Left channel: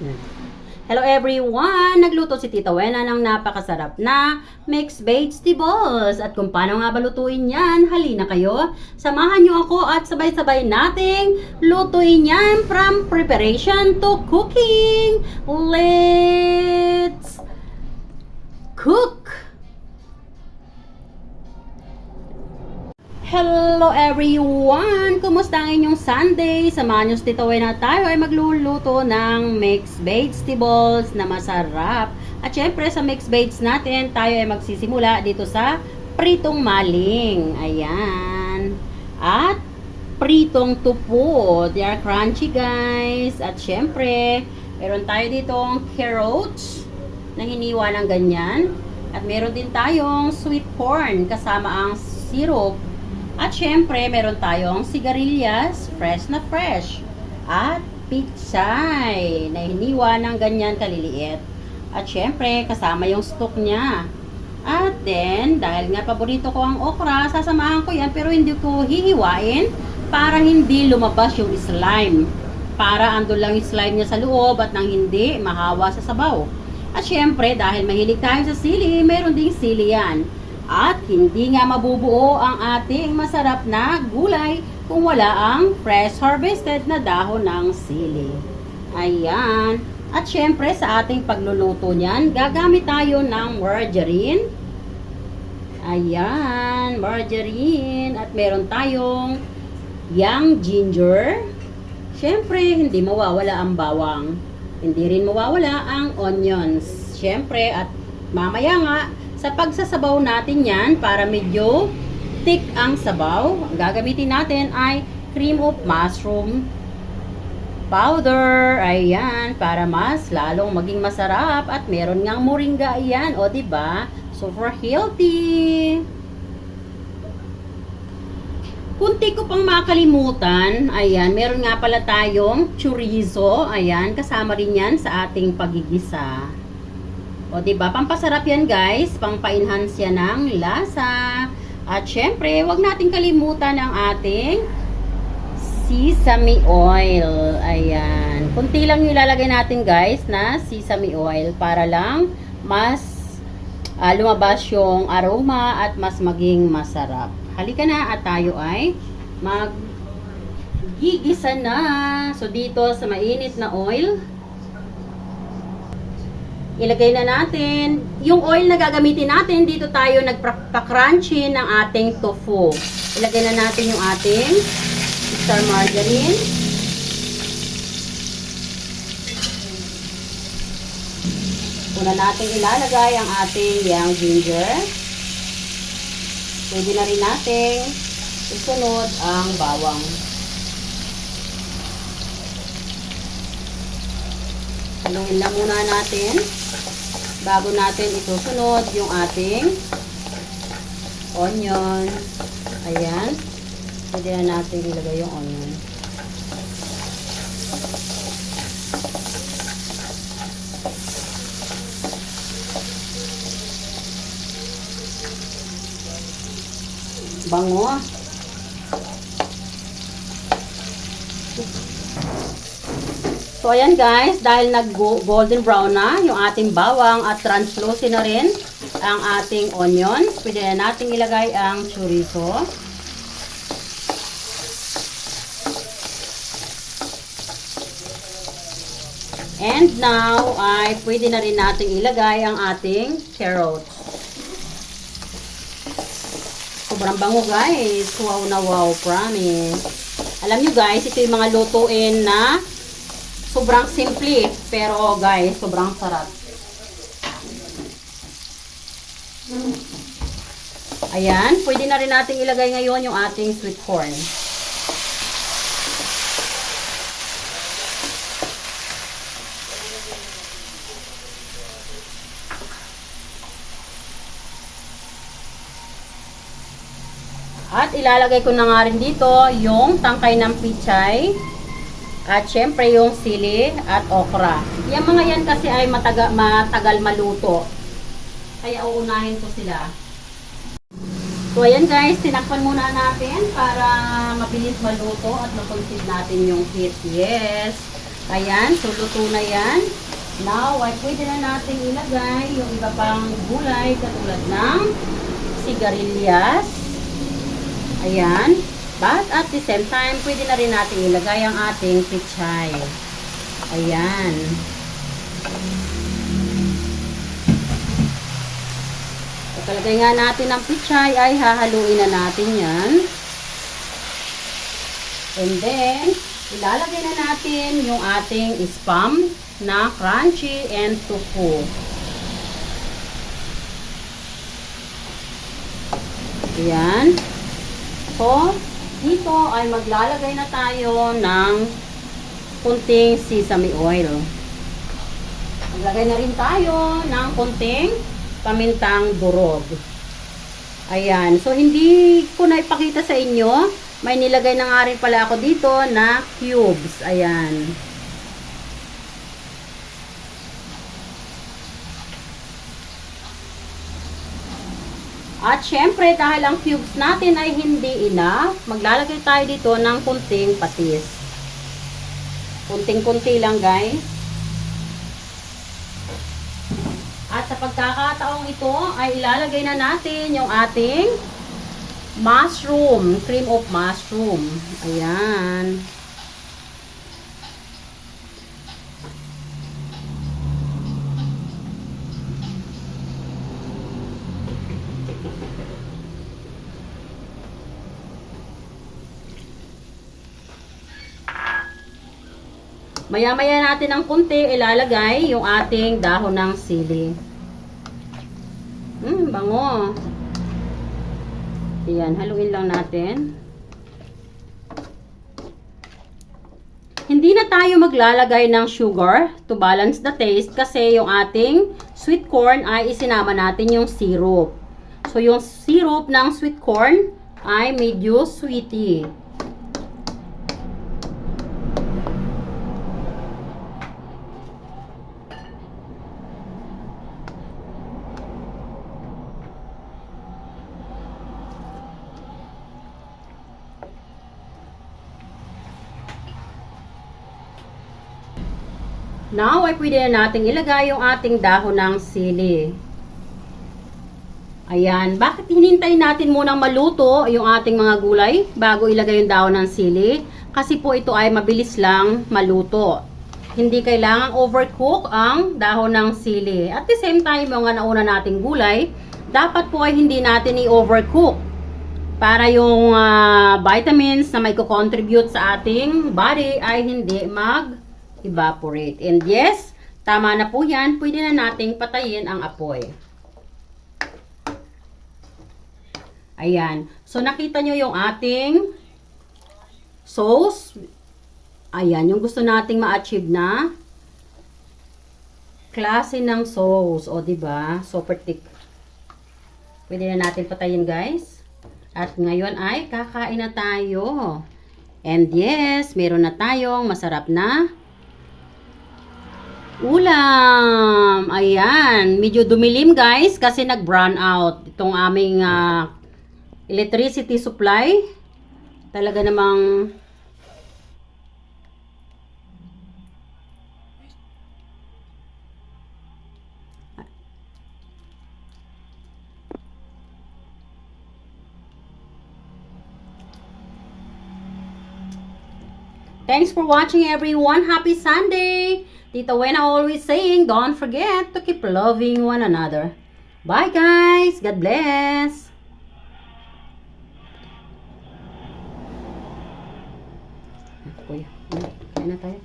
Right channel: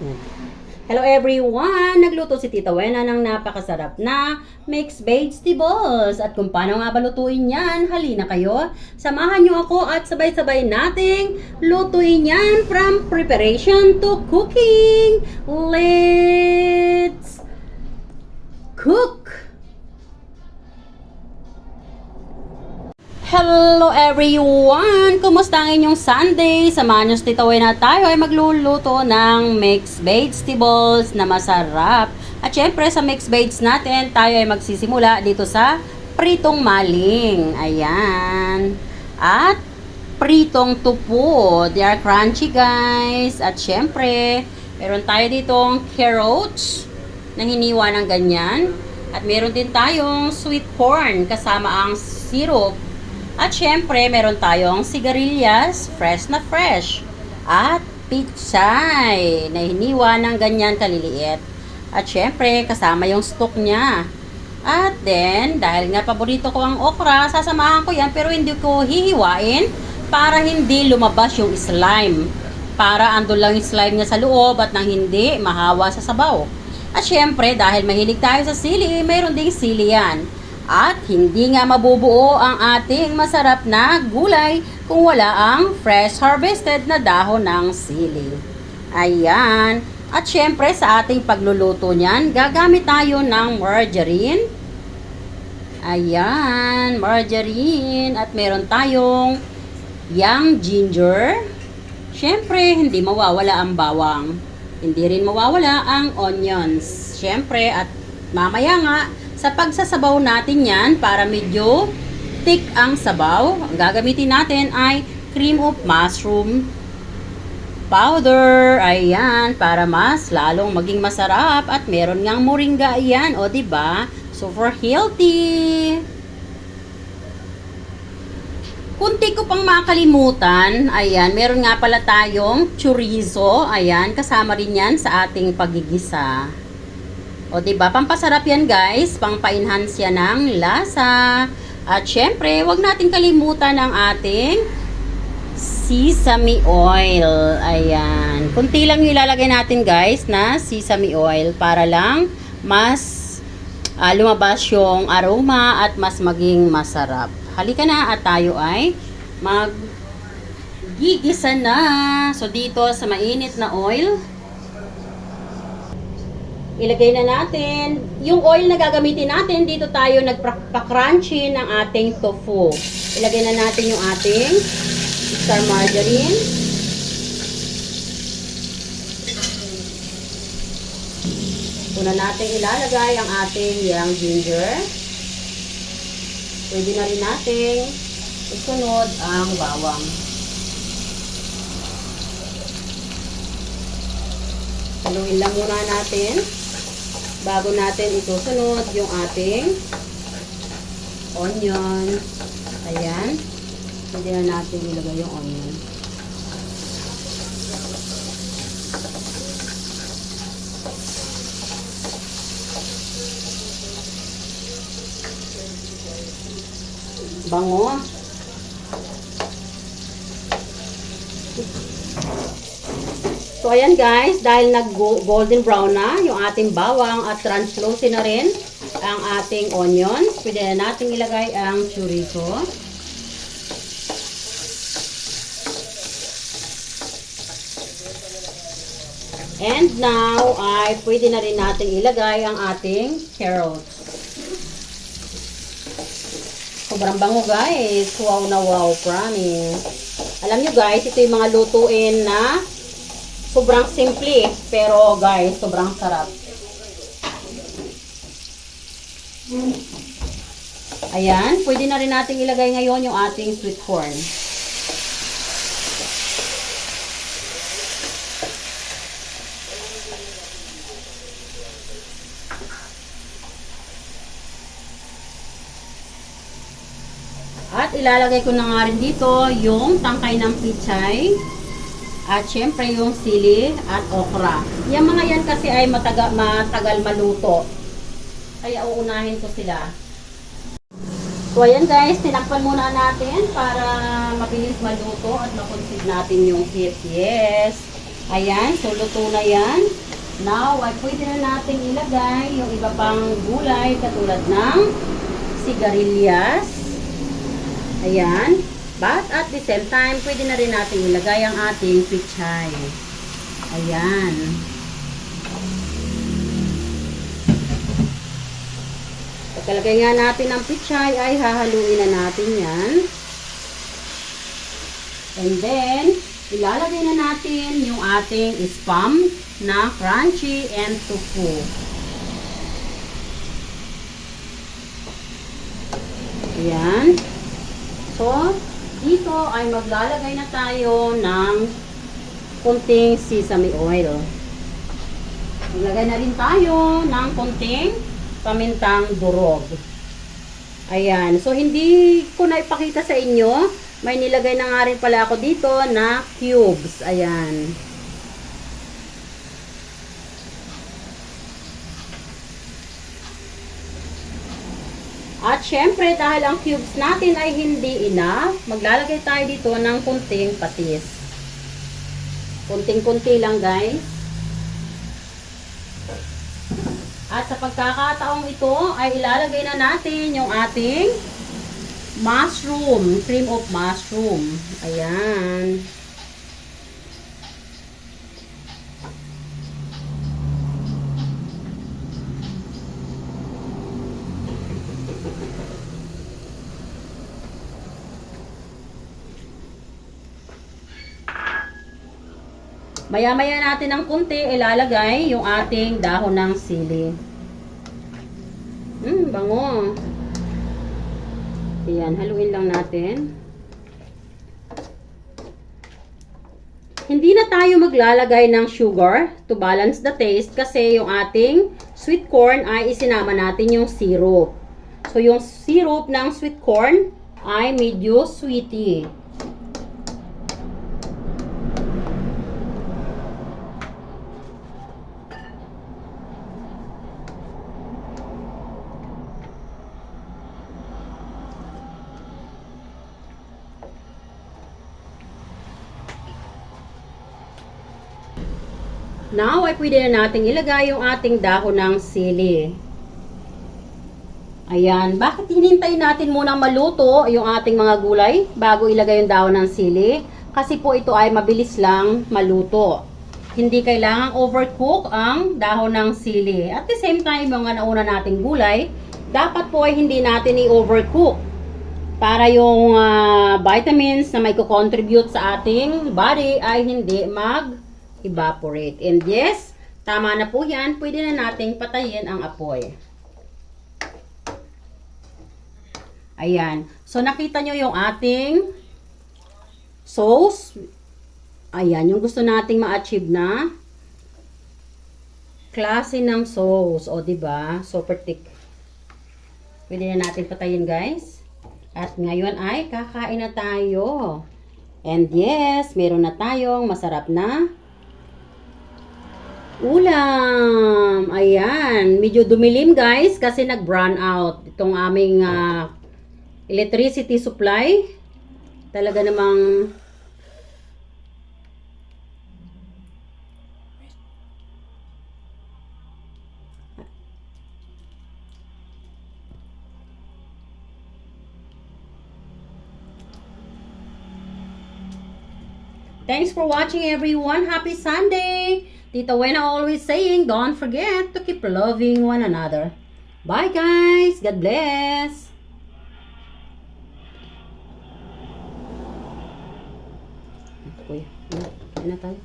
Yan. Hello everyone! Nagluto si Tita Wena ng napakasarap na mixed vegetables. At kung paano nga ba lutuin yan, halina kayo. Samahan nyo ako at sabay-sabay nating lutuin yan from preparation to cooking. Let's cook! Hello everyone! Kumusta ang inyong Sunday? Samahan nyo si Tita Wena, tayo ay magluluto ng mixed vegetables na masarap. At syempre sa mixed veggies natin, tayo ay magsisimula dito sa pritong maling. Ayan. At pritong tupo. They are crunchy guys. At syempre, meron tayo ditong carrots na hiniwa ng ganyan. At meron din tayong sweet corn kasama ang syrup. At syempre, meron tayong sigarilyas, fresh na fresh. At pichay, na hiniwa ng ganyan kaliliit. At syempre, kasama yung stock niya. At then, dahil nga paborito ko ang okra, sasamahan ko yan pero hindi ko hihiwain para hindi lumabas yung slime. Para andun lang yung slime niya sa loob at nang hindi mahawa sa sabaw. At syempre, dahil mahilig tayo sa sili, mayroon ding sili yan. At hindi nga mabubuo ang ating masarap na gulay kung wala ang fresh harvested na dahon ng sili. Ayan. At syempre sa ating pagluluto niyan, gagamit tayo ng margarine. Ayan, margarine. At meron tayong young ginger. Syempre, hindi mawawala ang bawang. Hindi rin mawawala ang onions. Syempre, at mamaya nga, sa pagsasabaw natin yan, para medyo thick ang sabaw, ang gagamitin natin ay cream of mushroom powder. Ayan, para mas lalong maging masarap. At meron ngang moringa yan, o diba? Super healthy. Kunti ko pang makalimutan, ayan, meron nga pala tayong chorizo. Ayan, kasama rin yan sa ating pagigisa. O diba, pampasarap yan guys, pampa-enhance yan ng lasa. At syempre, wag natin kalimutan ang ating sesame oil. Ayan, kunti lang yung ilalagay natin guys na sesame oil para lang mas lumabas yung aroma at mas maging masarap. Halika na at tayo ay mag-gigisa na. So dito sa mainit na oil, ilagay na natin yung oil na gagamitin natin. Dito tayo nagpa-crunchy ng ating tofu. Ilagay na natin yung ating star margarine. Una natin ilalagay ang ating young ginger. Pwede na rin natin isunod ang bawang. Haluin lang muna natin bago natin isusunod yung ating onion. Ayan. Pwede na natin ilagay yung onion. Bango. So, ayan guys, dahil nag-golden brown na yung ating bawang at translucent na rin ang ating onion, pwede na natin ilagay ang chorizo. And now, ay pwede na rin natin ilagay ang ating carrots. Sobrang bango guys. Wow na wow, promise. Alam nyo guys, ito yung mga lutuin na sobrang simple, pero guys, sobrang sarap. Ayan, pwede na rin natin ilagay ngayon yung ating sweet corn. At ilalagay ko na nga rin dito yung tangkay ng pichay. At syempre yung sili at okra. Yung mga yan kasi ay matagal maluto. Kaya uunahin ko sila. So ayan guys, tinakpan muna natin para mabilis maluto at makonsid natin yung heat. Yes. Ayan, so luto na yan. Now, ay pwede na natin ilagay yung iba pang gulay katulad ng sigarilyas. Ayan. But at the same time, pwede na rin natin ilagay ang ating pichay. Ayan. Pagkalagay nga natin ang pichay, ay hahaluin na natin yan. And then, ilalagay na natin yung ating spam na crunchy and tofu. Ayan. So, dito ay maglalagay na tayo ng kunting sesame oil. Maglagay na rin tayo ng kunting pamintang durog. Ayan. So, hindi ko na ipakita sa inyo. May nilagay na nga rin pala ako dito na cubes. Ayan. At syempre, dahil ang cubes natin ay hindi enough, maglalagay tayo dito ng kunting patis. Kunting-kunti lang, guys. At sa pagkakataong ito, ay ilalagay na natin yung ating mushroom, cream of mushroom. Ayan. Maya-maya natin ng kunti ilalagay yung ating dahon ng sili. Bango. Ayan, haluin lang natin. Hindi na tayo maglalagay ng sugar to balance the taste kasi yung ating sweet corn ay isinama natin yung syrup. So, yung syrup ng sweet corn ay medyo sweety. Now, ay pwede na natin ilagay yung ating dahon ng sili. Ayan. Bakit hinintay natin munang maluto yung ating mga gulay bago ilagay yung dahon ng sili? Kasi po ito ay mabilis lang maluto. Hindi kailangang overcook ang dahon ng sili. At the same time, yung nauna nating gulay, dapat po ay hindi natin i-overcook para yung vitamins na may contribute sa ating body ay hindi mag-evaporate. And yes, tama na po yan. Pwede na nating patayin ang apoy. Ayan. So, nakita nyo yung ating sauce. Ayan, yung gusto nating ma-achieve na klase ng sauce. O, diba? Super thick. Pwede na natin patayin, guys. At ngayon ay kakain na tayo. And yes, meron na tayong masarap na ulam. Ayan. Medyo dumilim, guys, kasi nag-brown out itong aming electricity supply. Talaga namang thanks for watching, everyone. Happy Sunday. Tita Wena always saying, don't forget to keep loving one another. Bye, guys. God bless. Kuya, kain na tayo.